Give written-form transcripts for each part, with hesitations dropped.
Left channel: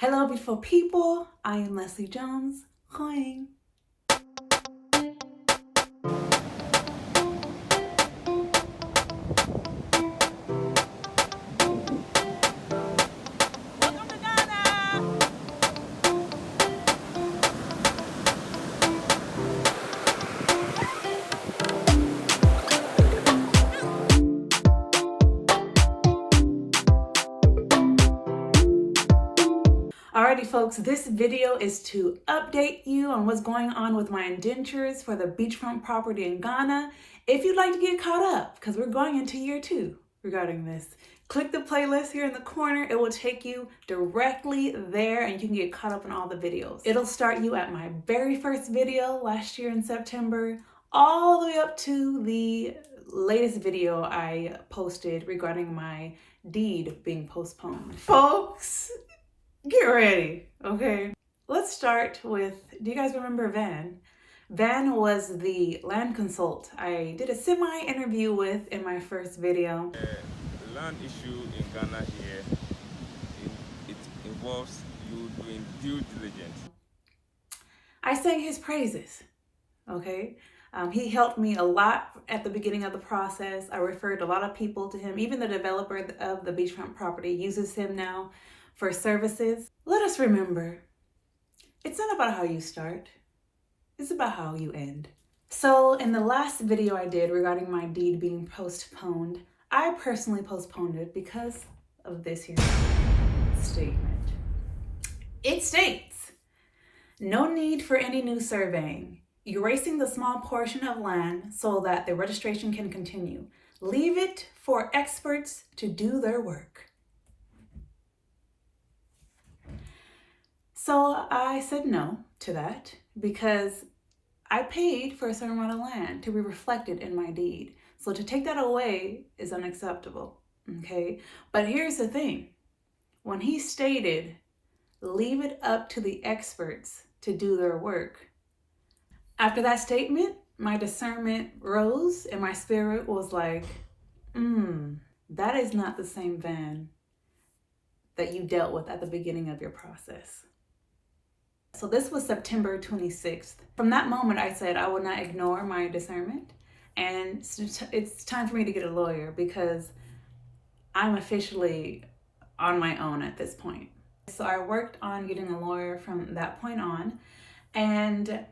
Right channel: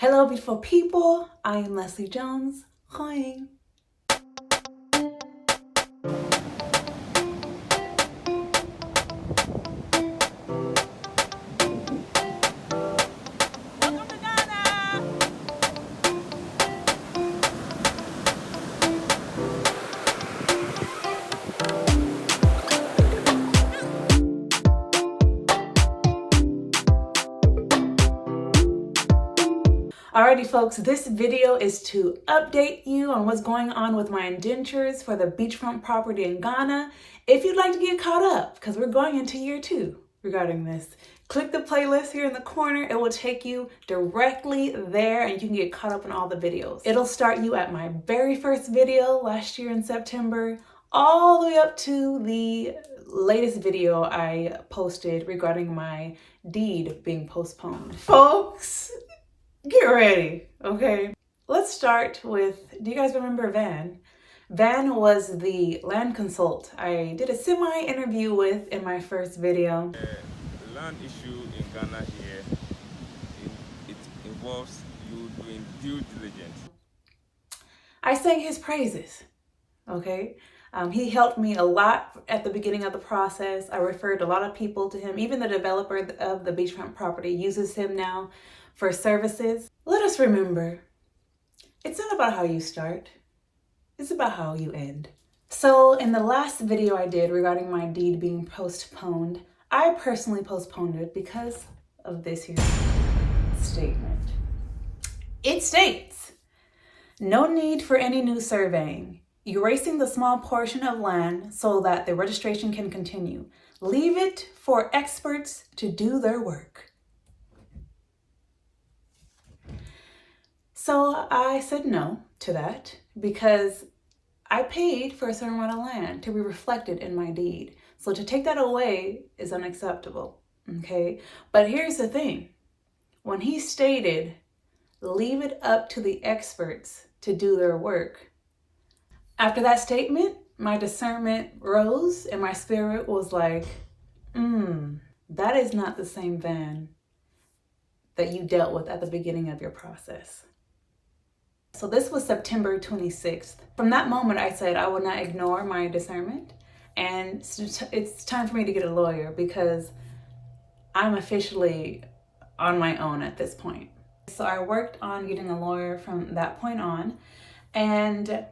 Hello, beautiful people. I am Leslie Jones. Hi. Alrighty folks, this video is to update you on what's going on with my indentures for the beachfront property in Ghana. If you'd like to get caught up, because we're going into year 2 regarding this, click the playlist here in the corner. It will take you directly there and you can get caught up on all the videos. It'll start you at my very first video last year in September, all the way up to the latest video I posted regarding my deed being postponed. Folks, get ready, okay? Let's start with, do you guys remember Van? Van was the land consult I did a semi-interview with in my first video. The land issue in Ghana here, it involves you doing due diligence. I sang his praises, okay? He helped me a lot at the beginning of the process. I referred a lot of people to him. Even the developer of the beachfront property uses him now for services. Let us remember, it's not about how you start, it's about how you end. So in the last video I did regarding my deed being postponed, I personally postponed it because of this here statement. It states, no need for any new surveying, erasing the small portion of land so that the registration can continue. Leave it for experts to do their work. So I said no to that because I paid for a certain amount of land to be reflected in my deed. So to take that away is unacceptable, okay? But here's the thing. When he stated, leave it up to the experts to do their work, after that statement, my discernment rose and my spirit was like, that is not the same Van that you dealt with at the beginning of your process. So this was September 26th. From that moment, I said I would not ignore my discernment, and it's time for me to get a lawyer because I'm officially on my own at this point. So I worked on getting a lawyer from that point on, and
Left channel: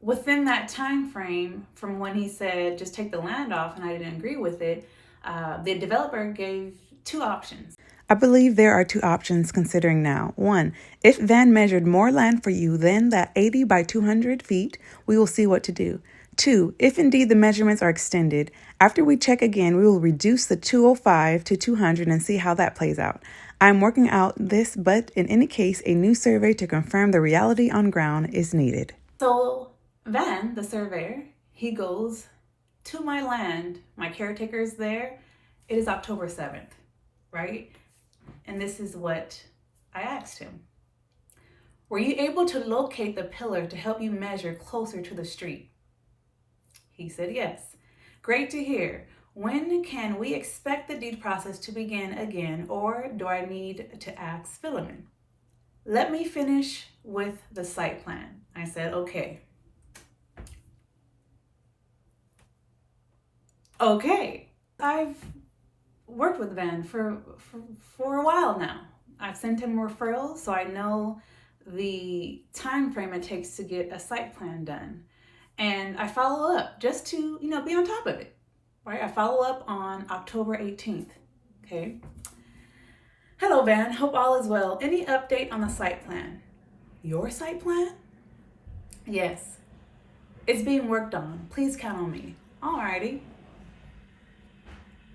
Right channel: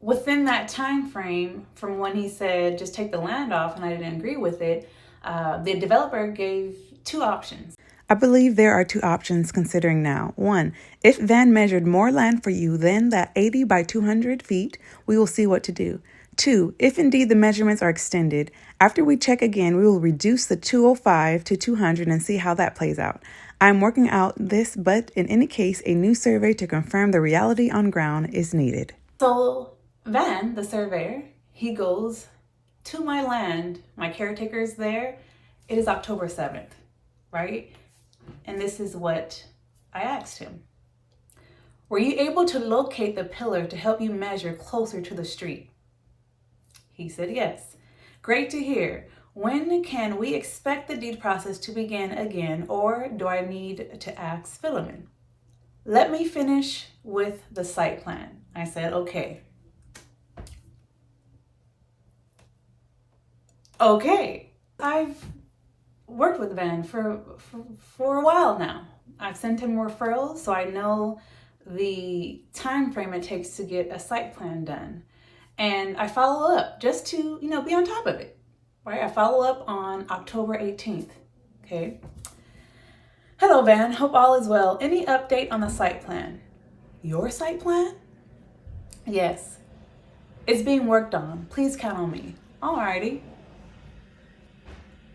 within that time frame from when he said just take the land off and I didn't agree with it, the developer gave 2 options. I believe there are 2 options considering now. 1, if Van measured more land for you than that 80 by 200 feet, we will see what to do. 2, if indeed the measurements are extended, after we check again, we will reduce the 205 to 200 and see how that plays out. I'm working out this, but in any case, a new survey to confirm the reality on ground is needed. So Van, the surveyor, he goes to my land, my caretaker's there. It is October 7th, right? And this is what I asked him. Were you able to locate the pillar to help you measure closer to the street? He said yes. Great to hear. When can we expect the deed process to begin again, or do I need to ask Philemon? Let me finish with the site plan. I said, okay. I've worked with Van for a while now. I've sent him referrals, so I know the time frame it takes to get a site plan done. And I follow up just to, be on top of it, right? I follow up on October 18th, okay? Hello, Van, hope all is well. Any update on the site plan? Your site plan? Yes, it's being worked on. Please count on me. Alrighty.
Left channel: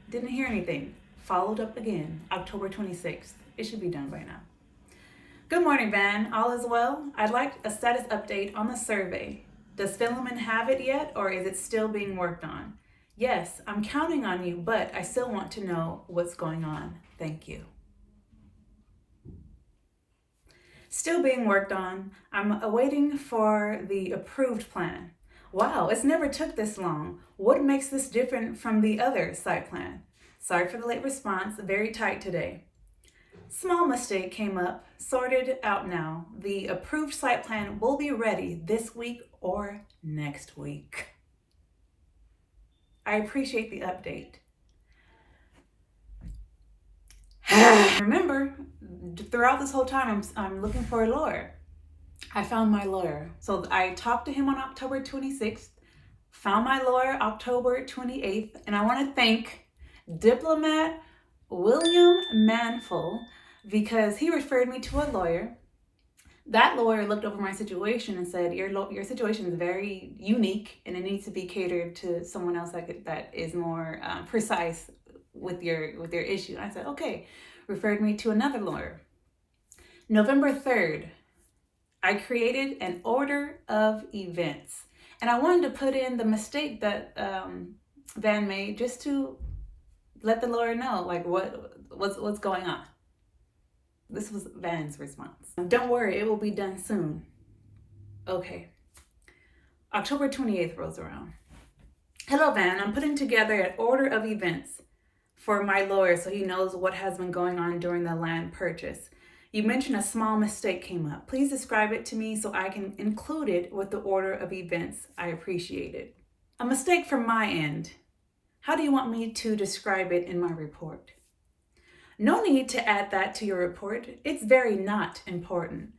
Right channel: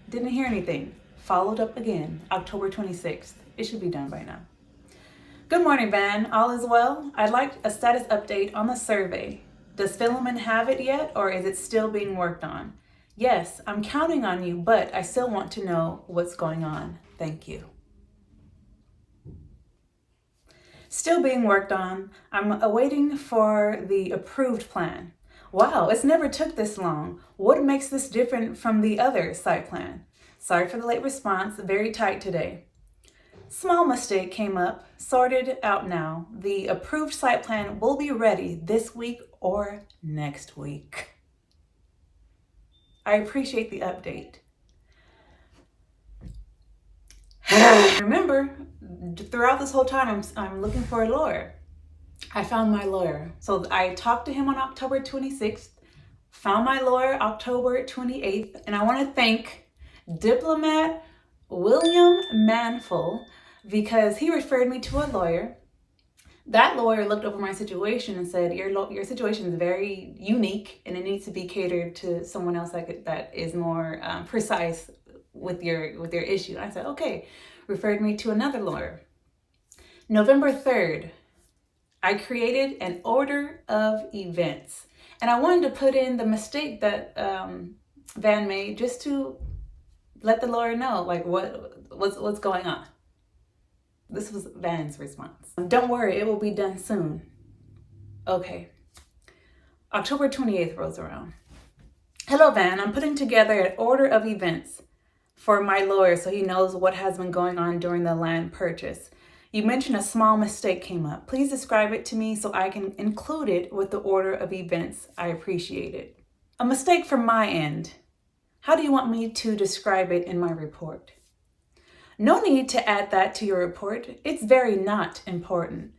Didn't hear anything. Followed up again, October 26th. It should be done by now. Good morning, Van. All is well? I'd like a status update on the survey. Does Philemon have it yet, or is it still being worked on? Yes, I'm counting on you, but I still want to know what's going on. Thank you. Still being worked on. I'm awaiting for the approved plan. Wow, it's never took this long. What makes this different from the other site plan? Sorry for the late response, very tight today. Small mistake came up, sorted out now. The approved site plan will be ready this week or next week. I appreciate the update. Remember, throughout this whole time, I'm looking for a lawyer. I found my lawyer. So I talked to him on October 26th, found my lawyer October 28th, and I want to thank diplomat William Manful because he referred me to a lawyer. That lawyer looked over my situation and said, your situation is very unique and it needs to be catered to someone else that is more precise with your issue. And I said, okay, referred me to another lawyer. November 3rd, I created an order of events. And I wanted to put in the mistake that Van made just to let the lawyer know, like, what's going on. This was Van's response. Don't worry, it will be done soon. Okay. October 28th rolls around. Hello, Van. I'm putting together an order of events for my lawyer so he knows what has been going on during the land purchase. You mentioned a small mistake came up. Please describe it to me so I can include it with the order of events. I appreciate it. A mistake from my end. How do you want me to describe it in my report? No need to add that to your report. It's very not important.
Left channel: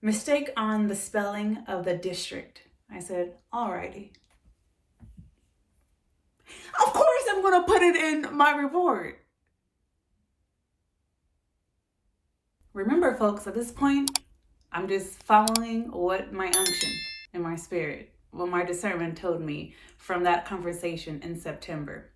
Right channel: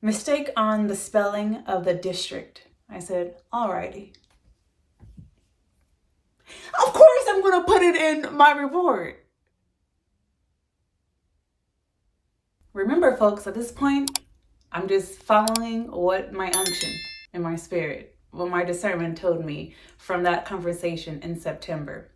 Mistake on the spelling of the district. I said, alrighty. Of course I'm going to put it in my report. Remember, folks, at this point, I'm just following what my unction and my spirit, what my discernment told me from that conversation in September.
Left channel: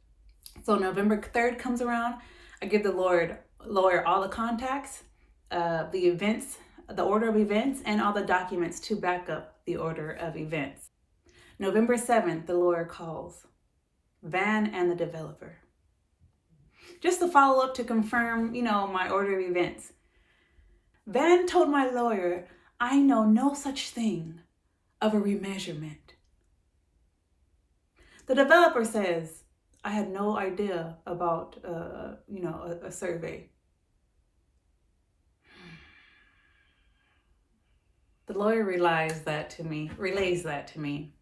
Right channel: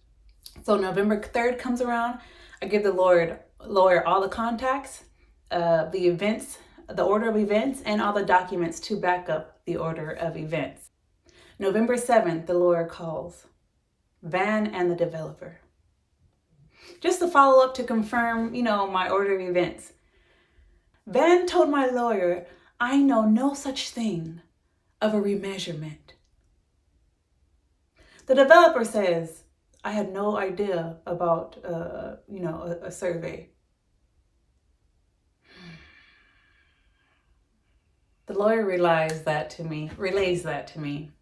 So November 3rd comes around. I give the lawyer all the contacts, the events, the order of events, and all the documents to back up the order of events. November 7th, the lawyer calls Van and the developer. Just to follow up to confirm, my order of events. Van told my lawyer, I know no such thing of a remeasurement. The developer says, I had no idea about, a survey. The lawyer relays that to me.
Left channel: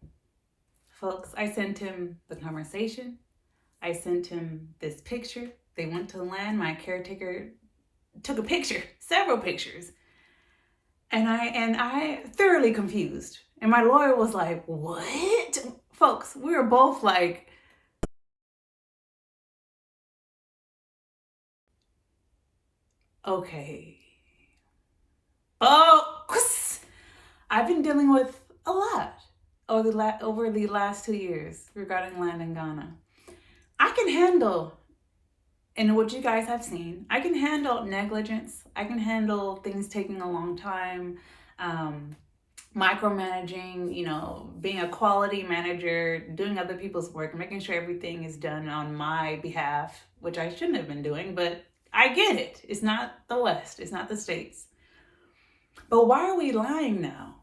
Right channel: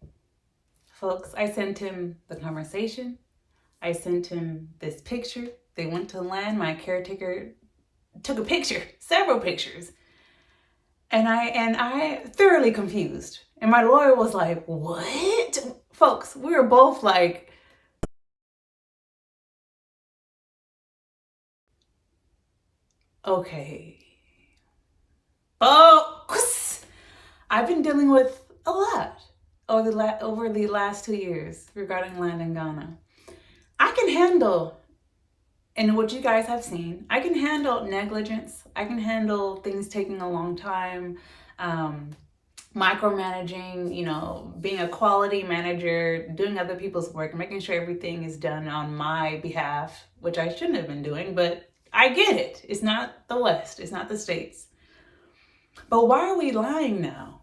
Folks, I sent him the conversation. I sent him this picture. They went to the land. My caretaker took a picture, several pictures. And I thoroughly confused. And my lawyer was like, what? Folks, we were both like, okay. Folks, I've been dealing with a lot over the last 2 years regarding land in Ghana. I can handle, and what you guys have seen, I can handle negligence. I can handle things taking a long time, micromanaging, being a quality manager, doing other people's work, making sure everything is done on my behalf, which I shouldn't have been doing, but I get it. It's not the West. It's not the States. But why are we lying now?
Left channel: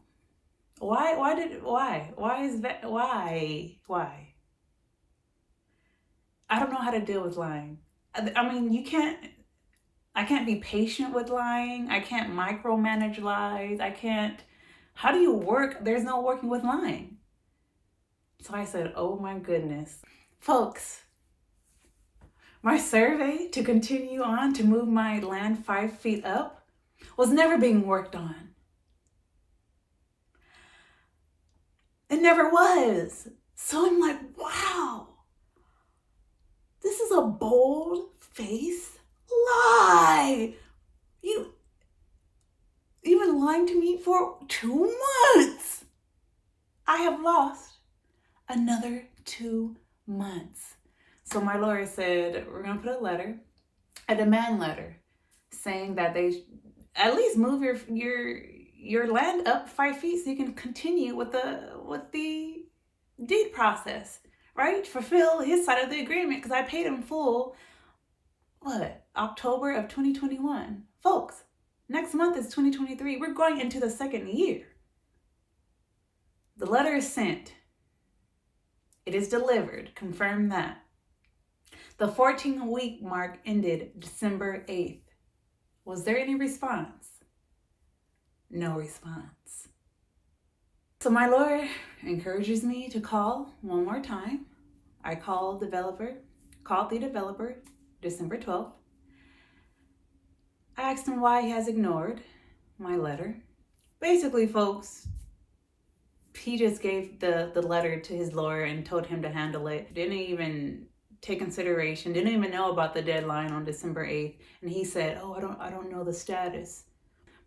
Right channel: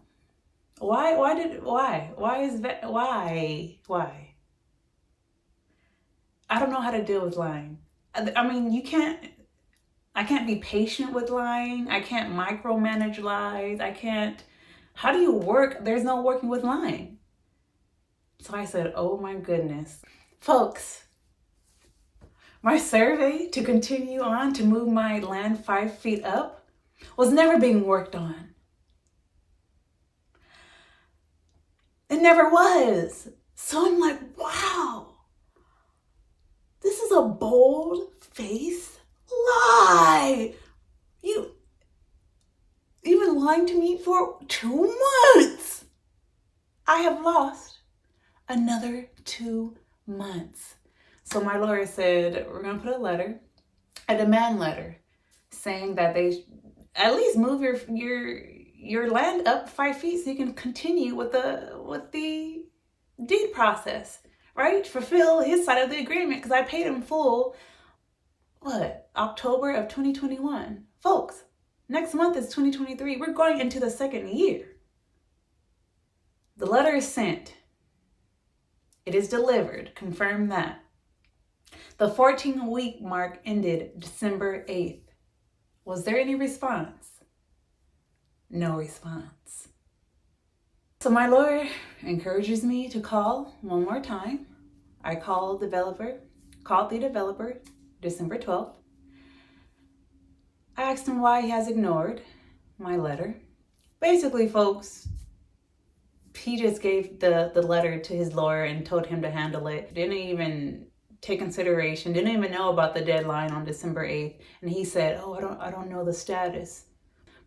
Why is that? Why? I don't know how to deal with lying. I mean, I can't be patient with lying. I can't micromanage lies. How do you work? There's no working with lying. So I said, oh my goodness. Folks, my survey to continue on to move my land 5 feet up was never being worked on. It never was. So I'm like, wow, this is a bold-faced lie. You've been lying to me for 2 months. I have lost another 2 months. So my lawyer said, we're going to put a demand letter, saying that they at least move your land up 5 feet so you can continue with the deed process, right? Fulfill his side of the agreement, because I paid him full, October of 2021. Folks, next month is 2023. We're going into the second year. The letter is sent. It is delivered. Confirm that. The 14-week mark ended December 8th. Was there any response? No response. So my lawyer encourages me to call one more time. I called the developer December 12th. I asked him why he has ignored my letter. Basically, folks, he just gave the letter to his lawyer and told him to handle it. Didn't even take consideration, didn't even know about the deadline on December 8th. And he said, oh, I don't know the status,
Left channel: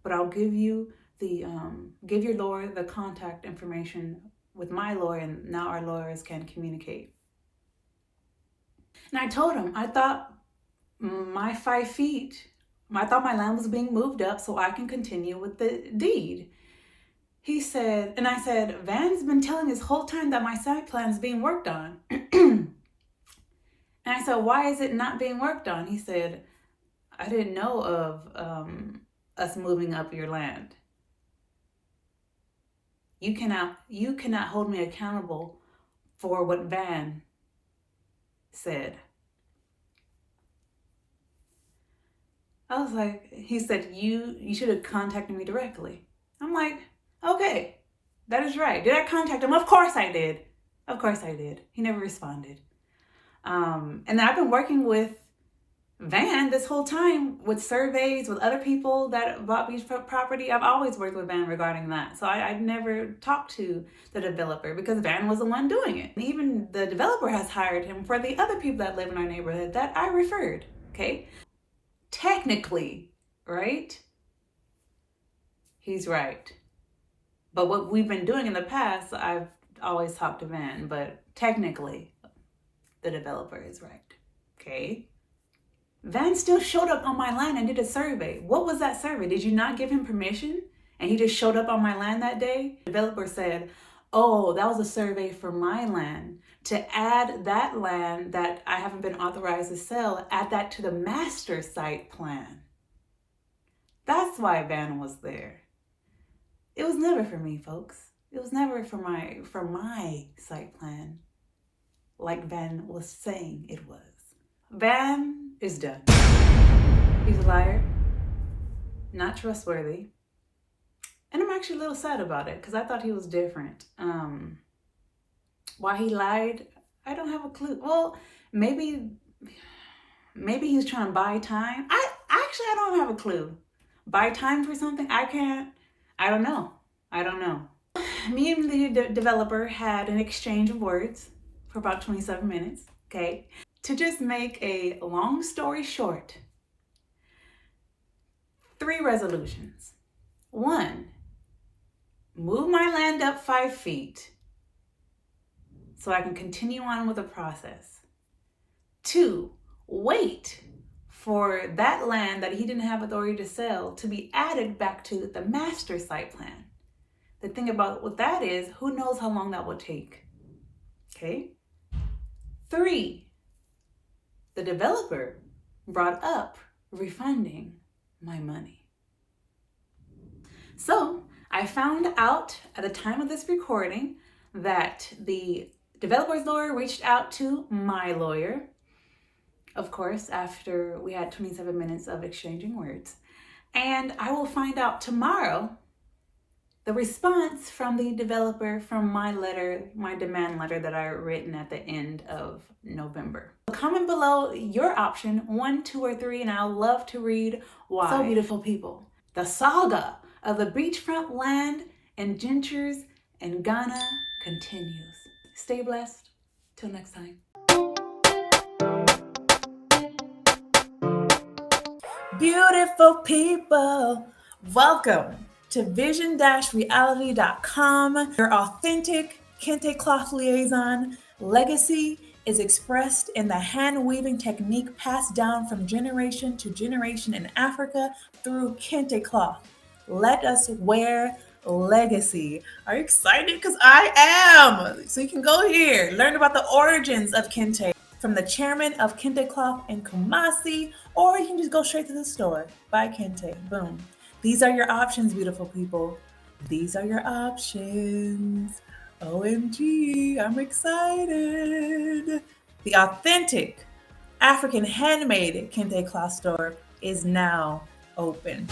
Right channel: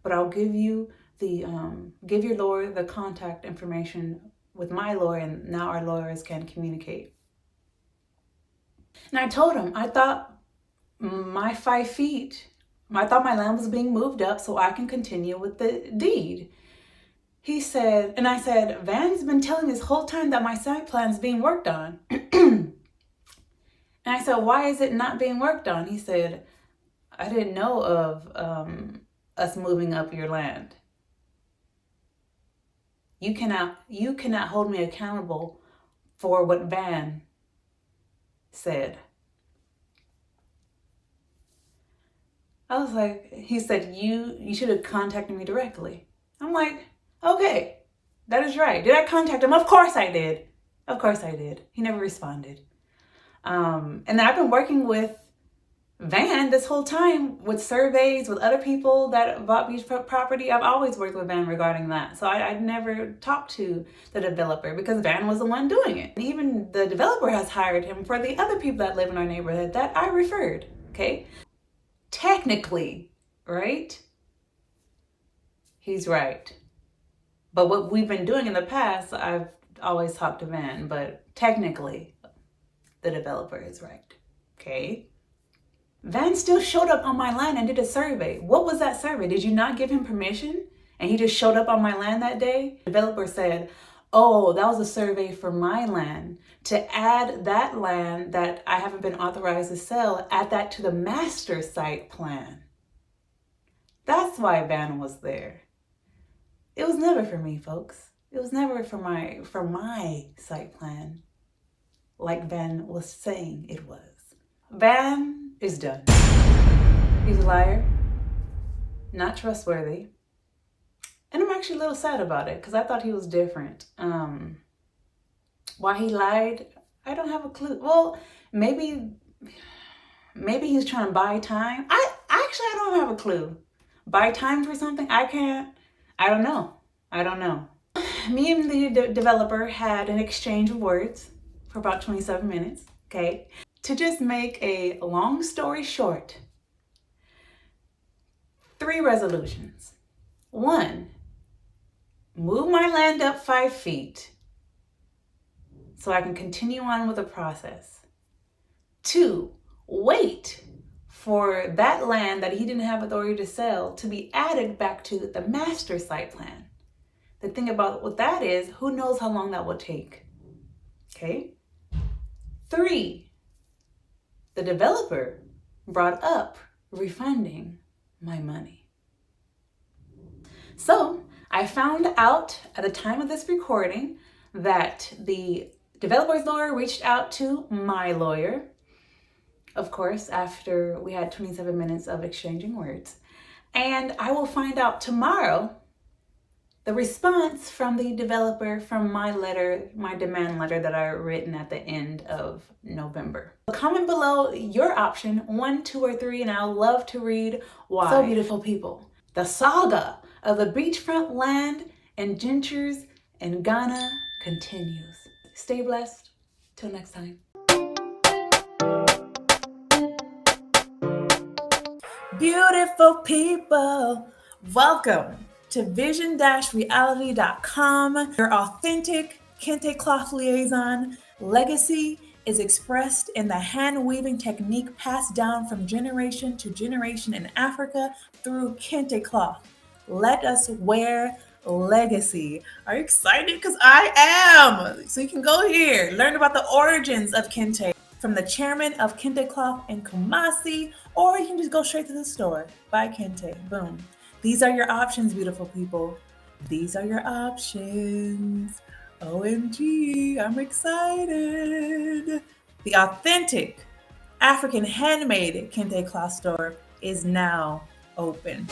but I'll give you give your lawyer the contact information with my lawyer, and now our lawyers can communicate. And I told him, I thought my 5 feet, I thought my land was being moved up so I can continue with the deed. He said, and I said, Van's been telling me this whole time that my site plan is being worked on. And I said, why is it not being worked on? He said, I didn't know of us moving up your land. You cannot hold me accountable for what Van said. I was like, he said, you should have contacted me directly. I'm like, okay, that is right. Did I contact him? Of course I did. Of course I did. He never responded. And I've been working with Van this whole time with surveys, with other people that bought beachfront property. I've always worked with Van regarding that. So I'd never talked to the developer because Van was the one doing it. And even the developer has hired him for the other people that live in our neighborhood that I referred, okay? Technically, right? He's right. But what we've been doing in the past, I've always talked to Van, but technically, the developer is right, okay? Van still showed up on my land and did a survey. What was that survey? Did you not give him permission? And he just showed up on my land that day? The developer said, oh, that was a survey for my land. To add that land that I haven't been authorized to sell, add that to the master site plan. That's why Van was there. It was never for me, folks. It was never for my site plan, like Van was saying it was. Van is done. He's a liar, not trustworthy. And I'm actually a little sad about it because I thought he was different. Why he lied, I don't have a clue. Well, maybe he's trying to buy time. I don't have a clue. Buy time for something? I don't know. Me and the developer had an exchange of words for about 27 minutes, okay? To just make a long story short, 3 resolutions. 1, move my land up 5 feet so I can continue on with the process. 2, wait for that land that he didn't have authority to sell to be added back to the master site plan. The thing about what that is, who knows how long that will take, okay? 3, the developer brought up refunding my money. So I found out at the time of this recording that the developer's lawyer reached out to my lawyer, of course, after we had 27 minutes of exchanging words. And I will find out tomorrow the response from the developer from my letter, my demand letter that I written at the end of November. Comment below your option, 1, 2, or 3, and I'll love to read why. So beautiful people, the saga of the beachfront land and Indentures in Ghana continues. Stay blessed. Till next time. Beautiful people, welcome to vision-reality.com, your authentic kente cloth liaison. Legacy is expressed in the hand weaving technique passed down from generation to generation in Africa through kente cloth. Let us wear legacy. Are you excited? Because I am. So you can go here, learn about the origins of kente from the chairman of Kente Cloth in Kumasi, or you can just go straight to the store, buy kente, boom. These are your options, beautiful people. These are your options. OMG, I'm excited. The authentic African handmade kente cloth store is now open.